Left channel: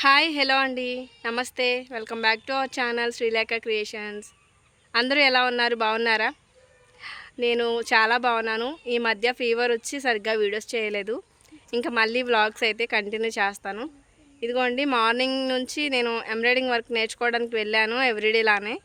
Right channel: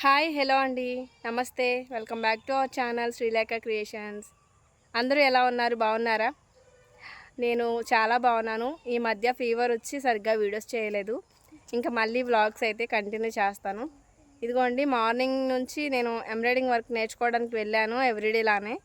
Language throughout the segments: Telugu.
హాయ్ హలో అండి, నమస్తే. Welcome back to our channel Srilekha creations. అందరూ ఎలా ఉన్నారు? బాగున్నారా? నేను చాలా బాగున్నాను. ఈ మధ్య ఫీవర్ వచ్చి సరిగ్గా వీడియోస్ చేయలేదు. ఇంకా మళ్ళీ వ్లాగ్స్ అయితే కంటిన్యూ చేస్తాను. ఇదిగోండి, మార్నింగ్ నుంచి నేను ఎంబ్రాయిడింగ్ వర్క్ నేర్చుకోవడానికి వెళ్ళాను. ఎవ్రీడేలానే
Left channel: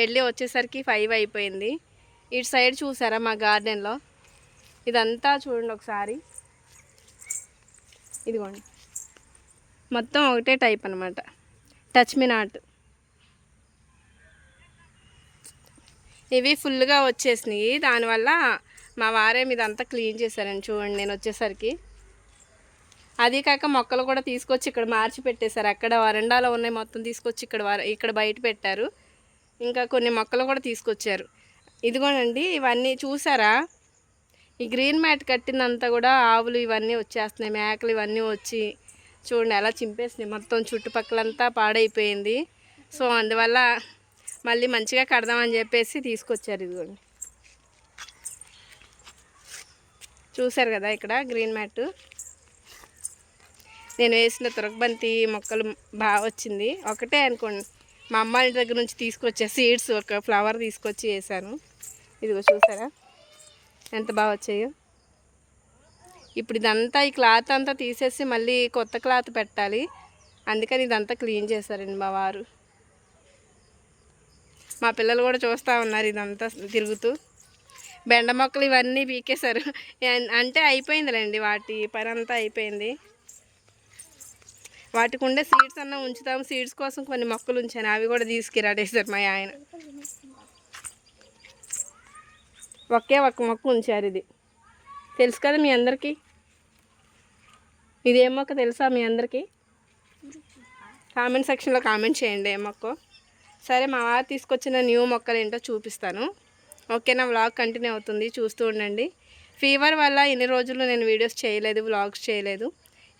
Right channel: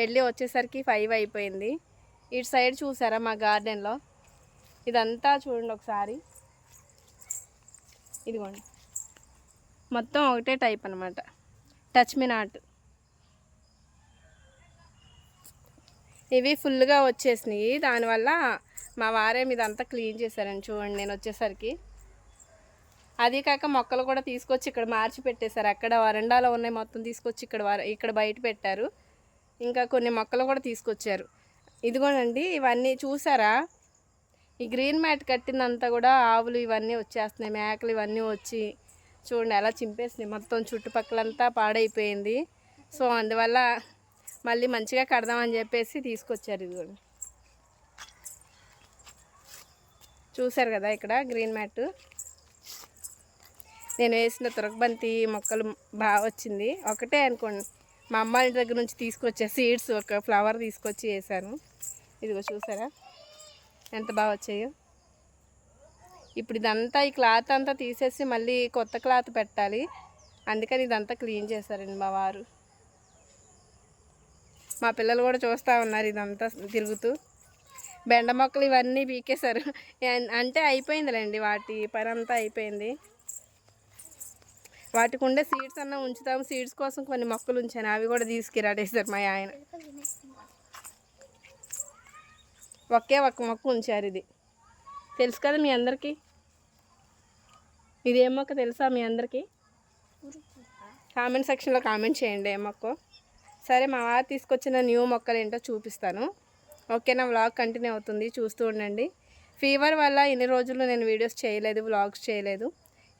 వెళ్ళి వచ్చేసరికి 5 అయిపోయింది. ఇటు సైడ్ చూసారా మా గార్డెన్లో? ఇదంతా చూడండి ఒకసారి. ఇదిగోండి, మొత్తం ఒకటే టైప్ అనమాట. Touch me not. ఇవి ఫుల్గా వచ్చేసినాయి. దానివల్ల మా వారే ఇదంతా క్లీన్ చేశారని చూడండి నేను వచ్చేసరికి. అది కాక మొక్కలు కూడా తీసుకొచ్చి ఇక్కడ మార్చి పెట్టేశారు. అక్కడ వరండాలో ఉన్నాయి మొత్తం తీసుకొచ్చి ఇక్కడ బయట పెట్టారు. ఇంకా కొన్ని మొక్కలు కూడా తీసుకొచ్చారు. ఇదిగోనండి, ఇవన్నీ చూసారా? ఈ గ్రీన్ మ్యాట్ కట్టిందంతా కూడా ఆవులు ఇవన్నీ వచ్చేస్తున్నాయి, మేకలు ఇవన్నీ వచ్చి చూడండి ఎలా చింపేసినాయి. మొత్తం చుట్టుపక్కలంతా పాడైపోయింది. సో అందువల్ల మళ్ళీ మంచిగా కడదామని చెప్పేసి తీసుకొచ్చారు. ఇదిగోండి, చూసారు కదా ఇక్కడ గ్రీన్ మ్యాట్. నేను వేసిన తురకబంతి మొక్కలు బాగా వచ్చింది. ఒకటే అనుకోండి, మా అమ్మ ఇంటి దగ్గర నుంచి తీసుకొచ్చే సీడ్స్ ఒక ఫ్లవర్ తీసుకొచ్చి వేసాను. ఇదిగో చూసారా ఎంత బాగా వచ్చాయో. ఇప్పుడు ఇదంతా ఈ క్లాత్ అంతా తీసేసి మళ్ళీ కొత్త క్లాత్ పెట్టాలి. అందుకని ఇదంతా క్లీన్ చేశారండి మా వారు. మా పిల్లలు కూడా చూస్తూ ఉన్నారు ఇదంతా తిరుగుతూ. బెండ మొక్కలు ఇవన్నీ పీకేశారు. అంటే అయిపోయిందిలేండి, వాటి పని అంతా అయిపోయింది. వాటికి ఉండే సీడ్స్ అన్నా ఉంచుతాము. సీడ్స్ కోసం కొన్ని మొక్కలు ఉంచాను, అవి కూడా తీసుకురాడేశారు మా ఆయన. ఒకే ఒక్క మొక్క ఉంచారు. ఇది తెలుసు కదా మీ అందరికీ. ఇదేం మొక్క తెలుసా మీ అందరికీ? కామెంట్ సెక్షన్లో కామెంట్ చేయండి ఏ మొక్క. సరే, మా వారు తీసుకొచ్చిన న్యూ మొక్కలు ఏంటో చూపిస్తాను. ఓకేనా? వ్లాగ్ కంటిన్యూ అవుతుంది, చూస్తూ ఉండండి. ఫీవర్ వల్ల ఇన్ని రోజులు నేను వీడియోస్ చేయలేదు, వ్లాగ్స్ చేయలేదు.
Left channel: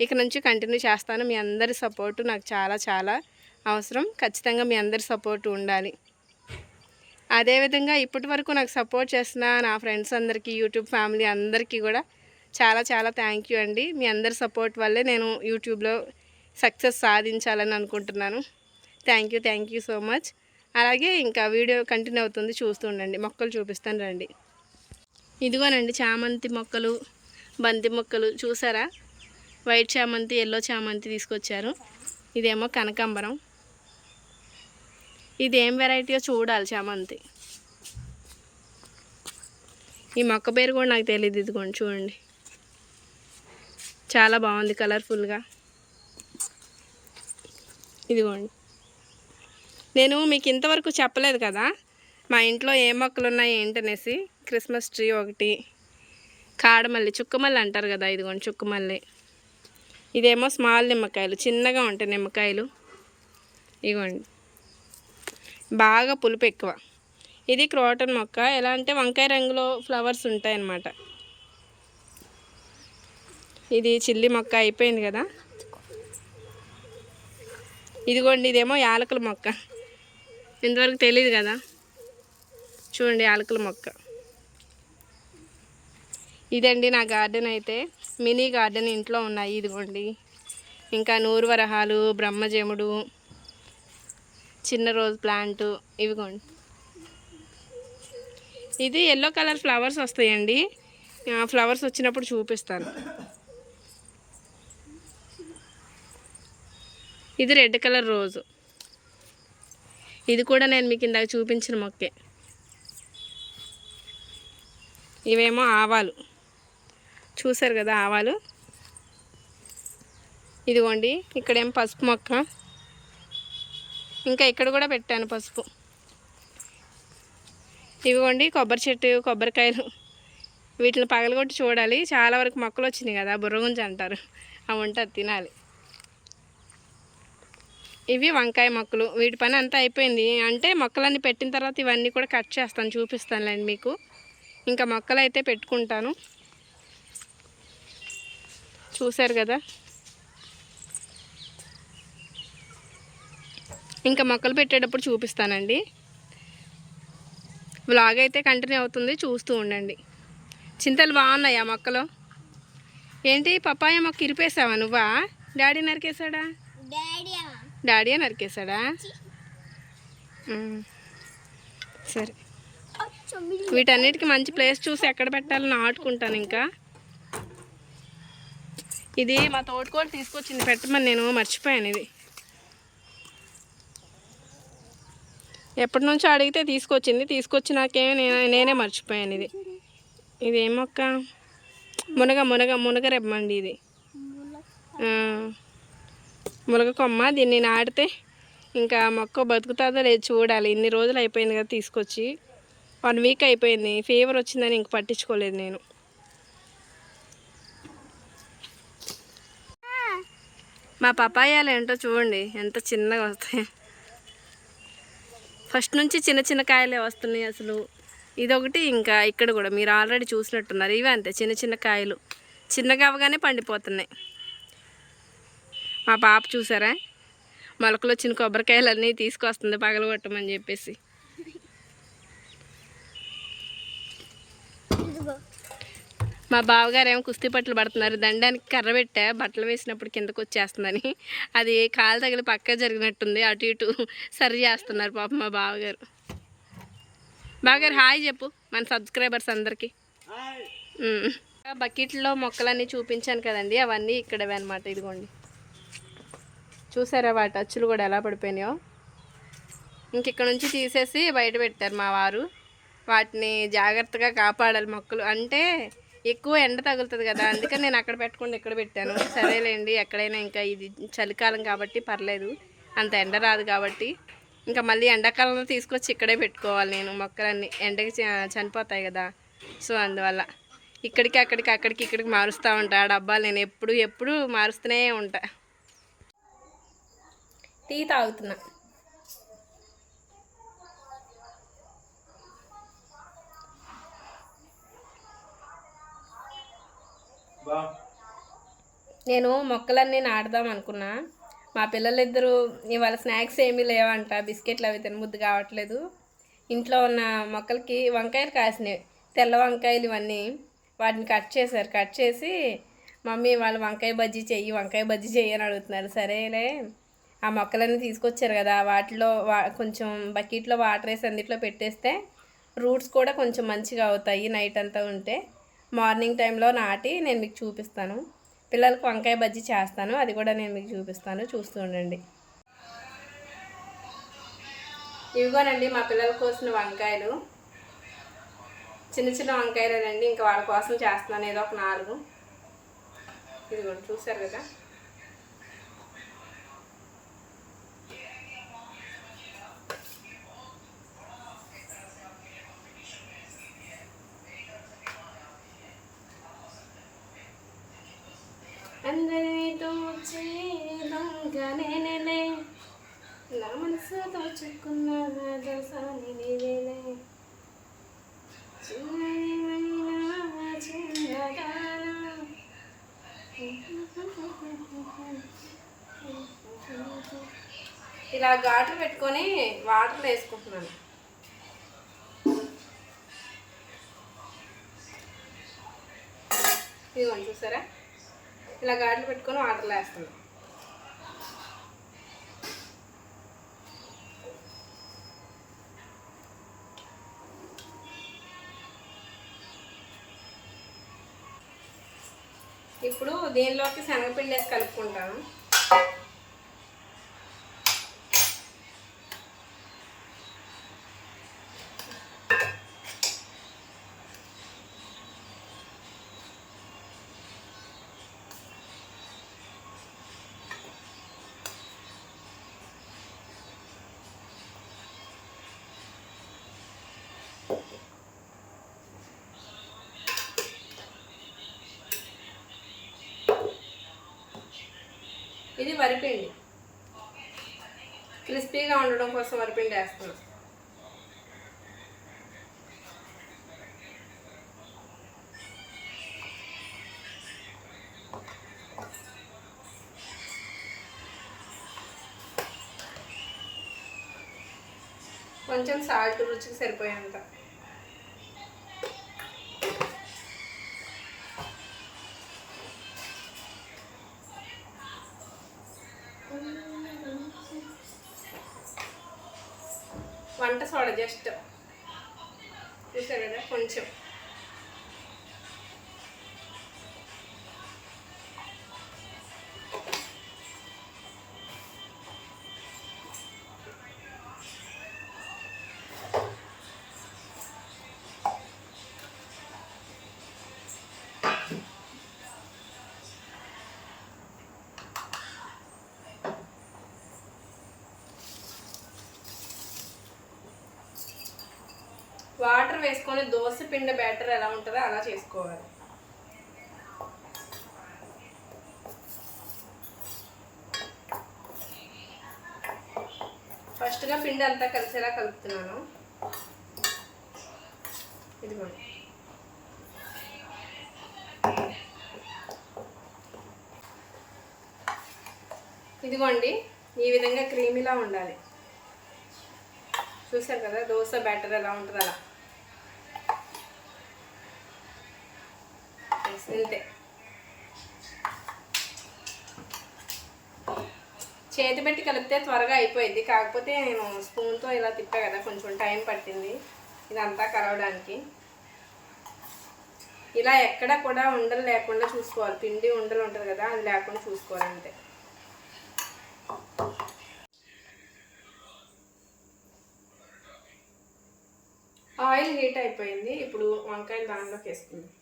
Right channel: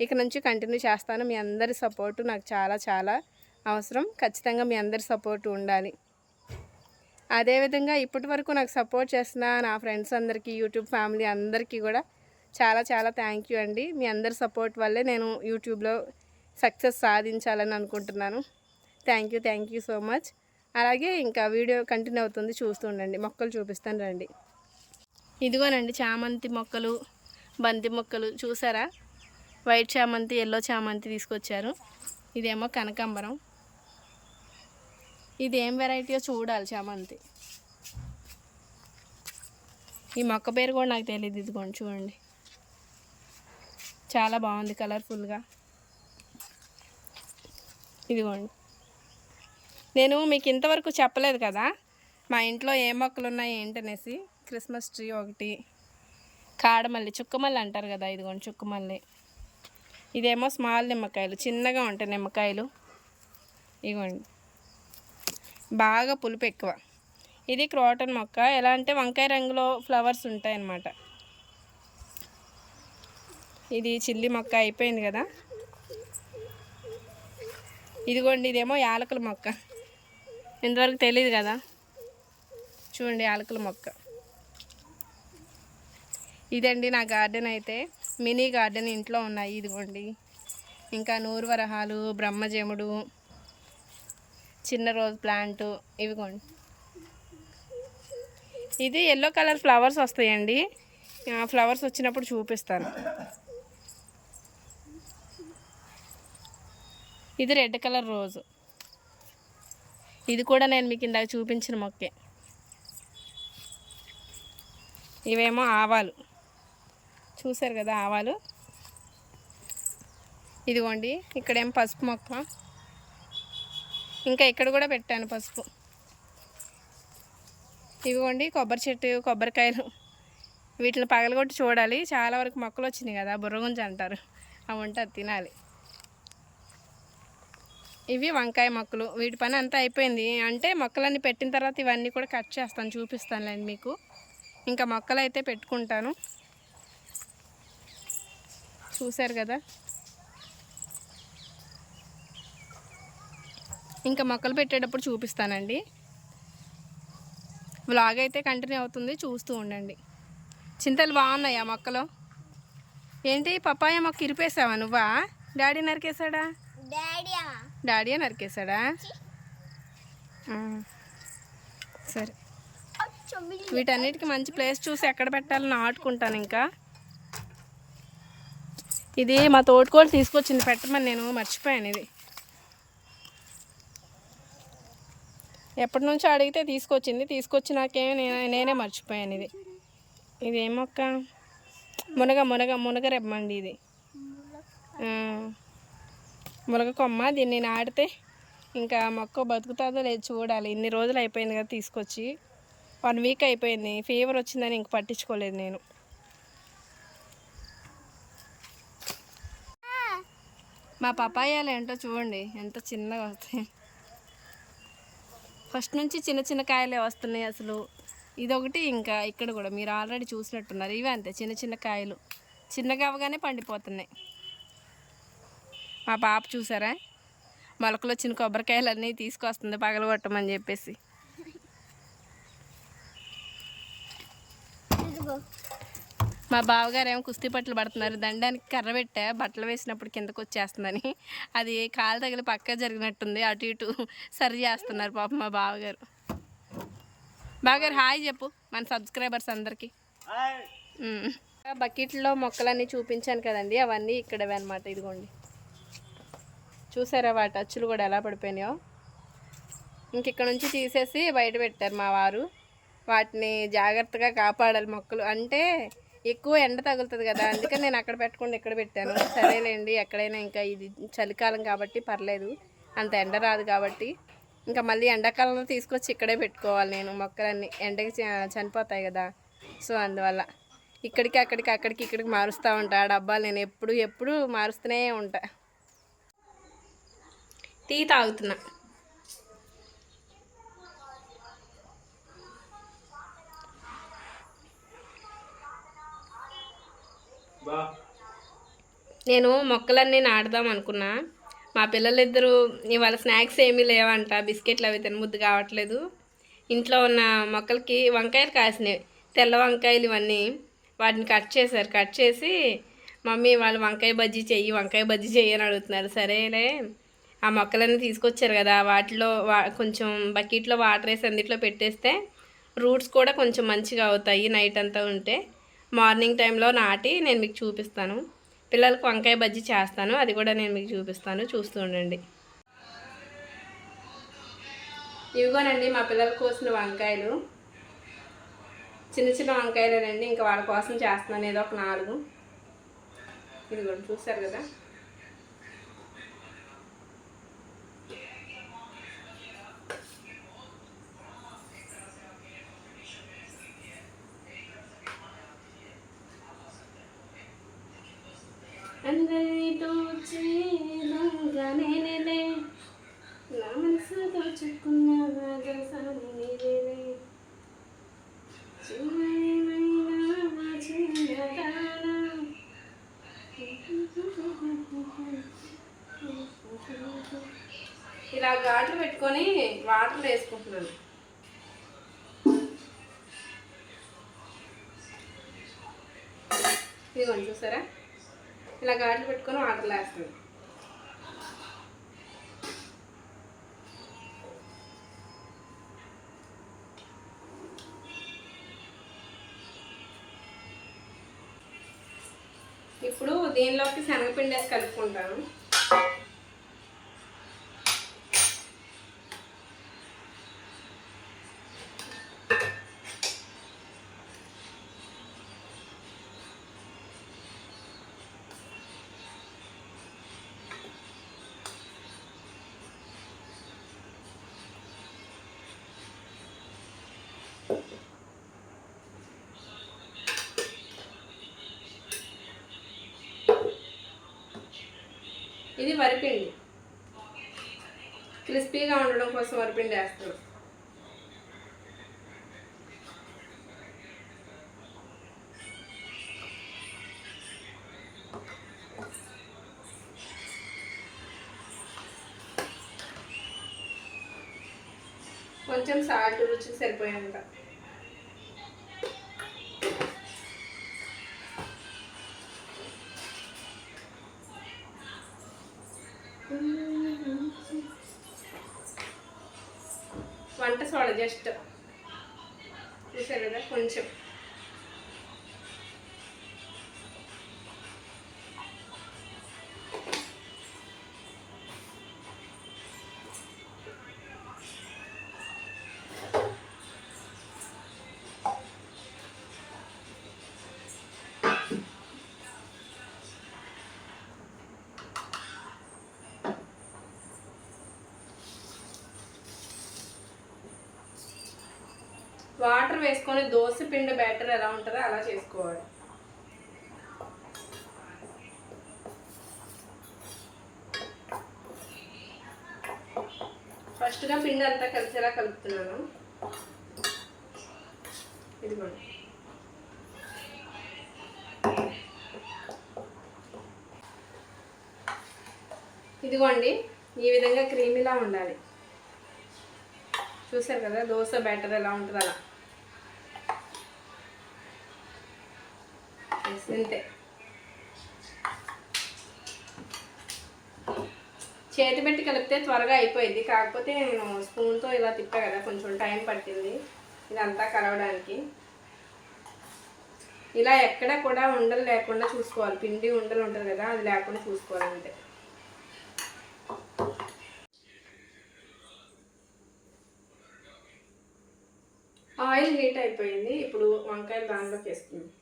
ఇక నుంచి కంటిన్యూ చేస్తాను. మీ అందరి సపోర్టు నాకు చాలా చాలా అవసరం. ఖచ్చితంగా మీ అందరి సపోర్టు ఉండాలి. అదేవిధంగా ఇప్పటి వరకు నాకు సపోర్ట్ చేసిన నా ఫ్రెండ్స్ అందరికీ, యూట్యూబ్ ఫ్యామిలీ అందరికీ కూడా చాలా చాలా థ్యాంక్ యూ అండి. మీ అందరి సపోర్ట్ వల్లే నేను యూట్యూబ్లో సక్సెస్ సాధించాలని అనుకుంటున్నాను. Thank you so much. అలాగే ఇంకా వీడియో కంటిన్యూ అవుతుంది, చూస్తూ ఉండండి. మొక్కలు చూపిస్తాను రండి. ఇదిగోనండి, చామంతి మొక్కలు, బంతి మొక్కలు చూసారా? వైట్ చామంతి, ఎల్లో చామంతి తీసుకొచ్చారు. ఇదేమో కనకాంబరం. ఇది ఏం వెరైటీయో చూడాలి చామంతి. ఈ మొక్క పేరు కూడా నాకు తెలియదు. ఇదిగోండి చూడండి, చాలా బాగుంది కలర్ఫుల్గా. ఇదిగోండి, నేను మీకు ఇంతవరకు చెప్పలేదు కదా మా ఇంట్లో ఏ మొక్కలు ఉన్నాయి ఏంటనేసి. క్రిస్మస్ ట్రీ ఒకటి, కాడమల్లి, చుక్కమల్లి అంటారు కదా, ఇదిగోండి చుక్కమల్లి. ఇదేమో స్మాల్ నిమ్మకాయలు, చిన్నగా ఉంటాయి నిమ్మకాయలు. ఇదిగోండి, బాగా పులుపు ఎక్కువ. ఇది క్రోటన్ మొక్క. ఎలా అంటే వంకాయ రంగులో ఫ్లవర్స్ ఉంటాయి అన్నమాట. ఇది చిల్లి మొక్క అయిపోయింది కదా. ఇదిగోండి, ఇదేమో యాలకుల మొక్క. ఇంతవరకు తెలియదు కదా, చూడండి యాలకుల మొక్క. ఇదండి నా గార్డెన్. అయితే మినీ గార్డెన్ ఇంట్లో ఉన్నాయి. ఇదిగోండి, ఇంకా నూరు వరహాలు, బ్రహ్మజముడు, చిన్న రోజ్ ప్లాంటు. ఇవిగోండి, ఇది ఎల్లో కలర్ ఫ్లవర్స్ వస్తాయండి. ఫ్లవర్స్ వచ్చినప్పుడు చూపిస్తాను. ఇది రెడ్ కలర్ రోజు. ఇది కూడా నేను మీకు ఇందాక చూపించిన మొక్కే. ఇవేమో ఆవాలు, చూసారు కదా ఆవాలు. ఇదిగోండి, ఇక్కడేమో పసుపు మొక్క. ఇంకా ఇక్కడ కూడా పెట్టాను పసుపు. ఇవిగోండి కొబ్బరి చెట్టు, కొబ్బరికాయలు. వీటిని పగలగొట్టి చూడాలి. చాలా వరకు మొక్కలు వచ్చినాయి కదా, బుర్రగుంజ అంటారు, అవి ఉంటుంది, తినాలి. ఇవి వంకాయ మొక్కలు. వీటి పని అంతా అయిపోయింది. అంటే మొక్కలన్నీ పెట్టిన తర్వాత ఇవన్నీ కూడా కట్ చేస్తాను, చూపిస్తానులేండి మీకు. ఇంకా మొక్కలు అయితే పెట్టుకుంటాను. చూసారు కదా, ఇంకా మొక్కలు పెట్టేటప్పుడు చూపిస్తానండి. వ్లాగ్ అయితే కంటిన్యూ అవుతుంది, చూస్తూ ఉండండి. చింతలు బాగున్నాయి ఆ మొక్కలో. ఏంటి పపాయ మొక్క ఇరిపేసావా నువ్వా? డాడీ నరికేశాడా? డాడీయే నరికేశాడా? సరే, వీటన్నిటికీ మంచి ప్లేస్ చూసి ఎక్కడ పెట్టాలని నాటుకుంటాను. ఇంకా ఇది మా తోటకోళ్ళు తీసుకొచ్చింది పెట్టమని, నేను మర్చిపోయాను. ఇది ఎప్పటి నుంచో అడిగితే తీసుకొచ్చినాకే నేనే మర్చిపోయాను. ఇది ఏం మొక్క? మునగ రెమ్మండి ఇది. మునగ కొమ్మ. దీన్ని నాటితే ఇంకా మొక్క బతుకుతుందో లేదు చూడాలి. ఇన్ని రోజులు అయిపోయింది కదా తీసుకొచ్చి, 1 వీక్ అయిపోయింది. ఫీవర్ వచ్చిందని ఇంక పట్టించుకోలేదు నేను. మా పపాయాలు ఏంటో చూడండి ఎంత చిన్నగా వస్తాయి. ఫస్ట్ నుంచి చిన్న చిన్న కాయలే వస్తున్నాయి అసలు. ఇదొకటి, ఇంకా ఇక్కడ కూడా మీరు ఆల్రెడీ చూసినట్టున్నారు. ఇవి అంతే, చిన్న చిన్న కాయలు, చిన్నగా అవగానే పండిపోతున్నాయి. మా పాప చూసారా, మొలకలు వచ్చిన కొబ్బరికాయలన్నీ తీసుకొస్తుంది పగలగొట్టమని చెప్పేసి. మా బావగారు ఏమో కుస్తీ పట్లు పడుతున్నారు. దండానికి కర్ర పెట్టా, బట్టలు వేసినప్పుడు కిందకు వచ్చేస్తుందని. అది కాలు తగిలి పక్క జరిగినట్టుంది, అటు ఇటు సరి చేస్తున్నారు పాప మా బావగారు. బావగారు హాయ్ చెప్పు మన సబ్స్క్రైబర్స్ అందరికీ. బకెట్లో మొక్కలన్నీ చూపించాను కదండి, అవన్నీ ఇక్కడవే అనమాట. ఇదిగోండి, చూసారా వాటి అచ్చులు కూడా ఎలా పడిపోయినాయో. ఇక్కడ నుంచి తీసేసి బయట పెట్టారు మా వారు. వాటిని జాగ్రత్తగా కాపాడాలి. మొక్కలు అంటే ఎక్కువ ఎండ తగులుతుంది కదా, అందుకని నేను అక్కడ పెట్టకుండా ఇక్కడ పెట్టాను. సరేలేండి, ఎక్కడైనా ఇంకా ఇది చలికాలం కాబట్టి పర్లేదు, అంత ఎండ రాదు కాబట్టి. ఇంకా మళ్ళీ ఎండాకాలంలో తీసుకొచ్చి ఇక్కడే పెట్టుకోవాలి నేను. మొక్కలన్నీ ఎండకి చనిపోతాయి కదా, సో అందువల్ల అక్కడికి మారుస్తూ ఉంటా. ఆ డబ్బాలు నేను ఎప్పుడు మారుస్తూనే ఉంటా. టీ తాగుతున్నా. నేను మొక్కలన్నీ నాటుదాం అనుకున్నా. మా పిల్లలిద్దరూ ఇవాళ స్నాక్స్ ఏమీ లేవంట, బిస్కెట్లు అవి తినబుద్ధి కావట్లేదు. ఇంట్లో ఉన్న మొక్కలకి వంకాయలు కాసినాయి, తెల్ల వంకాయలు ఇవన్నీ. వాటిని కట్ చేసి మమ్మీ వాళ్ళు వంకాయ బజ్జీ చెయ్యి అని అడుగుతున్నారు. సరేలే, ఆ మొక్కలన్నీ తీసుకొచ్చారు కదా, వాటిలో కొంచెం బకెట్లో వాటర్ వేసి అందుట్లో పెట్టేస్తే రూట్స్ కూడా కొంచెం మంచిగా అవుతాయి. నైట్ అంతా ఉంటే మార్నింగ్ టైంలో నాటి నేను మీకు చూపిస్తాను. పిల్లలకు వంకాయ బజ్జీ చేస్తాను, అది కూడా నేను మీకు చూపిస్తాను, చూస్తూ ఉండండి. ఇవిగోనండి మా పిల్లల కోసిన వంకాయలు, చిన్న చిన్న వంకాయలేనండి. ఇంకా వాళ్ళ కోసం చేస్తున్నాను ఏదో ఒక 4. ఇదిగోండి చూసారు కదా. అందరినీ దోచే దొంగ నేనేలే, నా మనసు దోచుకున్న దసాని నీవేలే, చిన్నైనా చిన్నదానా. ఇలా ఘాట్లు పెట్టుకొని వాటర్లో వేసుకుంటున్నాను. ఇదిగోండి చూసారా, ఇలా ఘాట్లు పెట్టుకొని వాటర్లో వేస్తాను. ఇప్పుడు దీనిలోకి శనగపిండి వేసి కలుపుకుంటాను. ఇది వరిపిండి, క్రిస్పీగా ఉండడం కోసం వరిపిండి వేస్తాను. కొంచెం సాల్ట్ రుచికి సరిపోయేంత. వంట సోడా జస్ట్ చూసారు కదా కొంచెం. వాటర్ వేసుకొని దోశ పిండి బ్యాటర్ ఎలా ఉంటుందో అలా చేసుకోవాలి. ఫస్ట్గా పిండి అంతా కలిసేలా కలుపుతున్నాను. ఇదిగోండి. ఇదిగోండి ఈ విధంగా క్రీమీలా ఉండాలి. చూసారు కదా దోశ బ్యాటర్ ఎలా ఉంటుంది అలా. అంతే. చేతి పెట్టి కలిపితే త్వరగా అయిపోయింది. కాకపోతే నేను స్పూన్తో ఇలా తిప్పా కదా కొంచెం టైం పట్టింది ఇదంతా కలవడానికి. ఇలా ఎక్కడ కూడా ఉండలు లేకుండా చూసుకోవాలి. పిండి ఉండలు ఉంటుంది కదా అది లేకుండా చూసుకోవాలి అంతే. ఆయిల్ హీట్ అయిపోయింది. ఇప్పుడు వంకాయలు దానిలోకి వేసుకుందాం.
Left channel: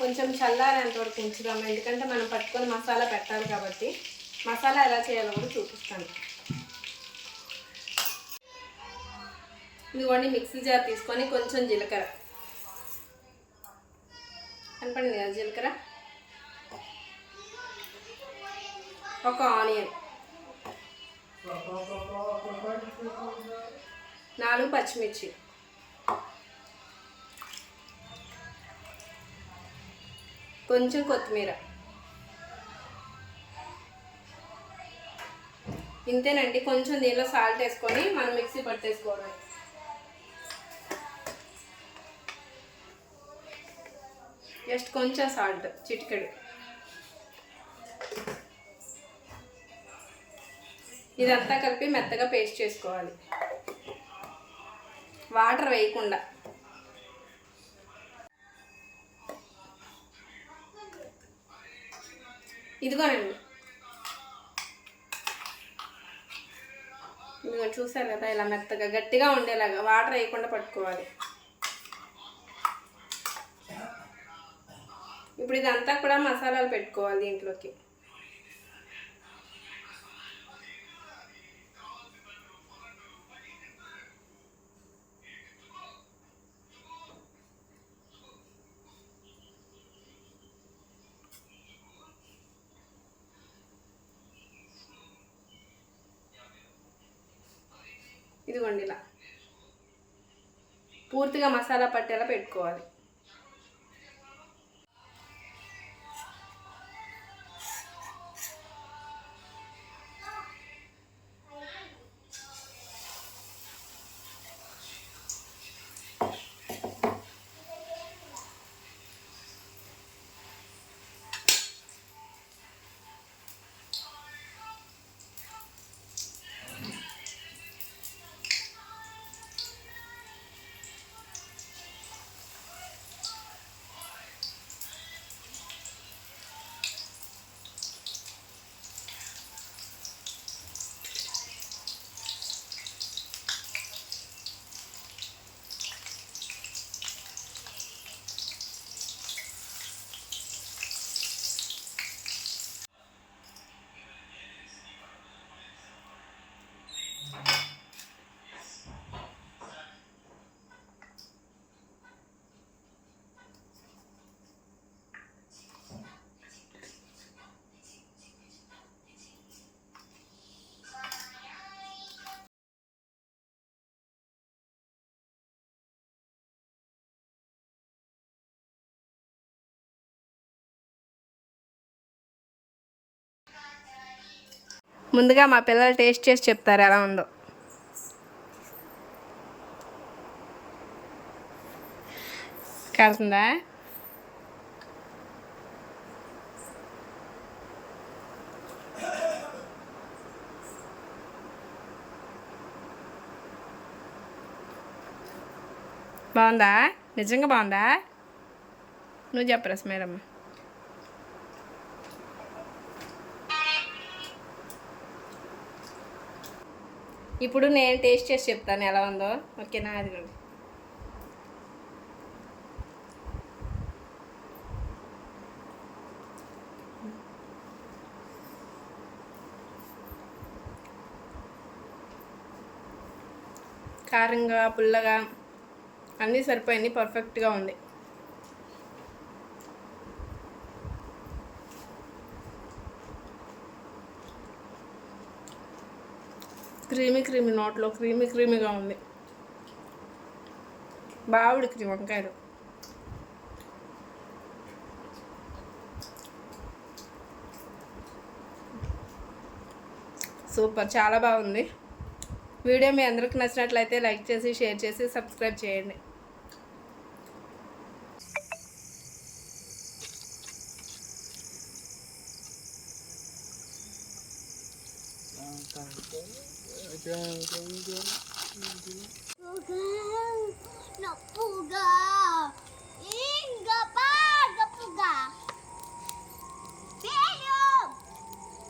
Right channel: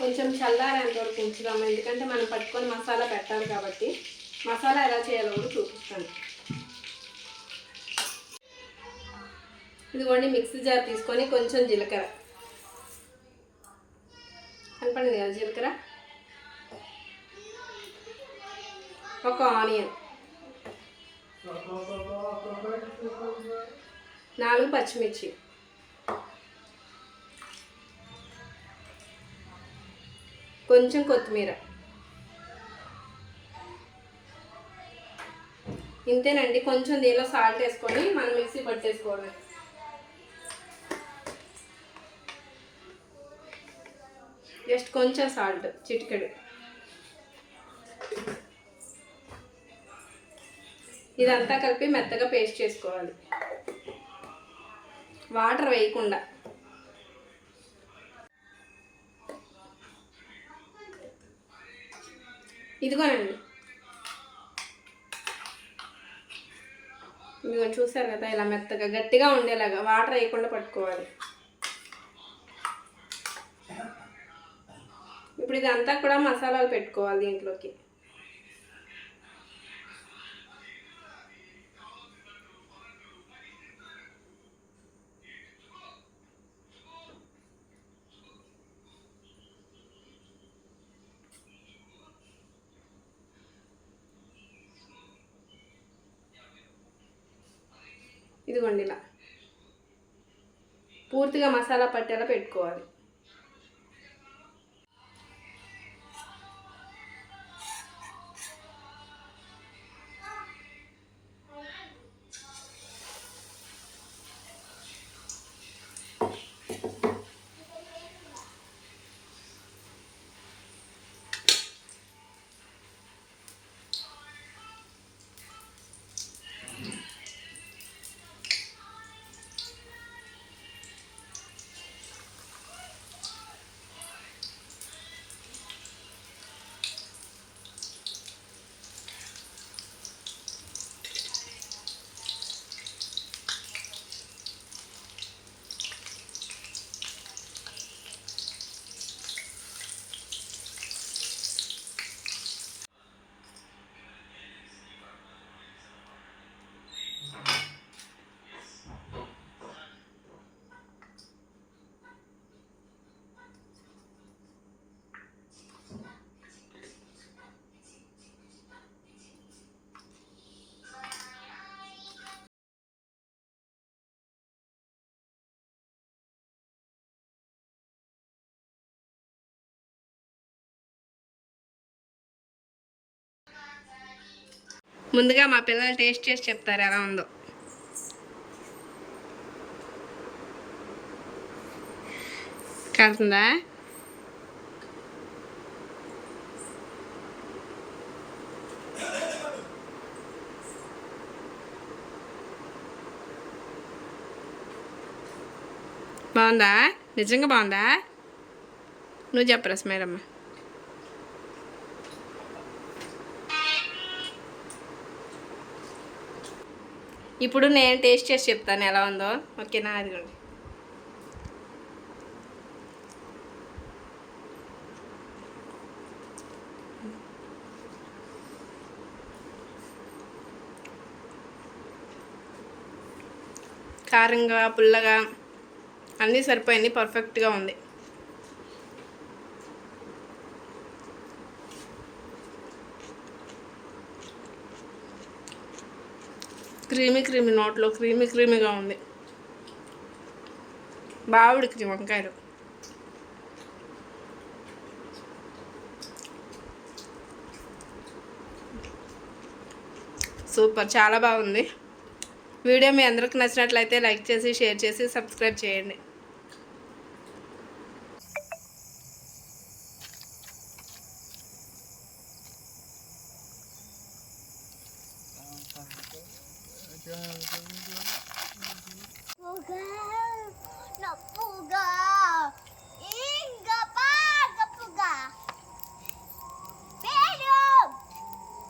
కొంచెం చల్లారేంత వరకు ఉంచుదాము. ఎందుకంటే మనం పట్టుకొని మసాలా పెట్టాలి కాబట్టి మసాలా ఎలా చేయాలో కూడా చూపిస్తాను. ఇదిగోండి మిక్సీ జార్ తీసుకొని కొంచెం జీలకర్ర కనపడింది కదా జీలకర్ర, ఒక ఆనియన్, 4 పచ్చిమిర్చి, కొంచెం కొత్తిమీర. ఇంతేనండి. కొంచెం దీనిలో సాల్ట్ వేసుకొని మనం మిక్సీ పట్టేసుకోవడమే. జస్ట్ కొంచెం సాల్ట్, చిటికెడు. ఇదంతా కలిపి మెత్తగా పేస్ట్ చేసుకోవాలి, వాటర్ వేయకుండా. ఇదిగోనండి, ఇదిగో చూసారు కదా ఇలా మెత్తగా గట్టిగా ఉండేలాగా వాటర్ వేయకుండా పట్టుకోవాలి. ఇప్పుడు ఇదంతా కూడా మసాలాలు పెట్టుకోవాలి దీంట్లోకి. ఇదిగోండి ఇలా పూర్తిగా మసాలా పట్టేలా పెట్టుకోవాలి. ముందుగా మా పిల్లలు టేస్ట్ చేసి చెప్తారు ఎలా ఉందో. కాలుతుందా? బాగుందా? నిజంగా బాగుందా? నువ్వు చెప్పరా స్మైలమ్మ. ఇప్పుడు నేను టేస్ట్ చేసి చెప్తాను ఎలా ఉందో. ఓకేనా? అదిగోండి. కారంగా పుల్లగా అన్నీ సరిపోయింది, పర్ఫెక్ట్గా ఉంది. క్రీమీ నోట్లో క్రీమీగా ఉంది. బాగా ఉడికింది వంకాయలు. సూపర్, చాలా బాగుంది. వీడియో మీ అందరికి నచ్చినట్లయితే లైక్ చేసి, షేర్ చేసి, సబ్స్క్రైబ్ చేయండి.